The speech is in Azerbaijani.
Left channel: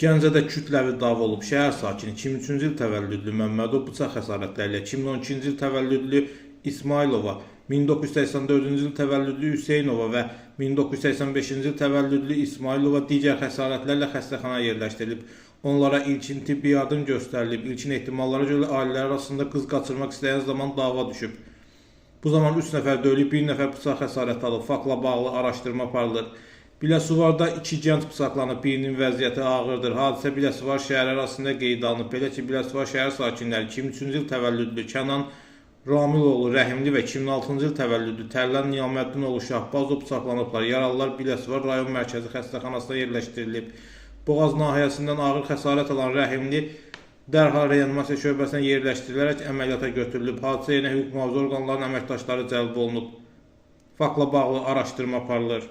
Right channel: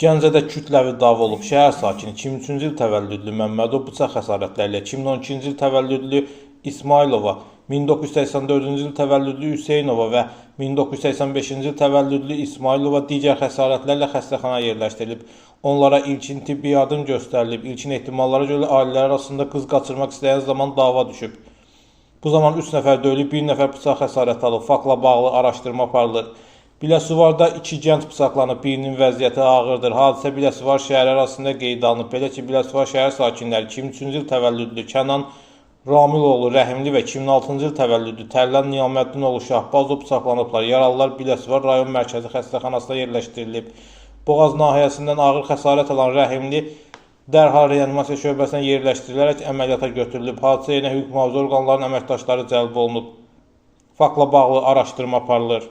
Gəncədə kütləvi dava olub. Şəhər sakini 2003-cü il təvəllüdlü Məmmədov bıçaq xəsarətləri ilə 2012-ci il təvəllüdlü İsmailova, 1984-cü il təvəllüdlü Hüseynova və 1985-ci il təvəllüdlü İsmailova digər xəsarətlərlə xəstəxanaya yerləşdirilib. Onlara ilkin tibbi yardım göstərilib. İlkin ehtimallara görə ailələr arasında qız qaçırmaq istəyən zaman dava düşüb. Bu zaman 3 nəfər döyülüb, 1 nəfər bıçaq xəsarəti alıb. Faktla bağlı araşdırma aparılır. Biləsuvarda 2 gənc bıçaqlanıb, birinin vəziyyəti ağırdır. Hadisə Biləsuvar şəhəri arasında qeydə alınıb. Belə ki, Biləsuvar şəhər sakinləri 2003-cü il təvəllüdlü Kənan Ramiloğlu Rəhimli və 2006-cı il təvəllüdlü Tərlan Niyaməddinoğlu Şahbazov bıçaqlanıblar. Yaralılar Biləsuvar rayon mərkəzi xəstəxanasına yerləşdirilib. Boğaz nahiyəsindən ağır xəsarət alan Rəhimli dərhal reanimasiya şöbəsinə yerləşdirilərək əməliyyata götürülüb. Hadisə yerinə hüquq mühafizə orqanlarının əməkdaşları cəlb olunub. Faktla bağlı araşdırma aparılır.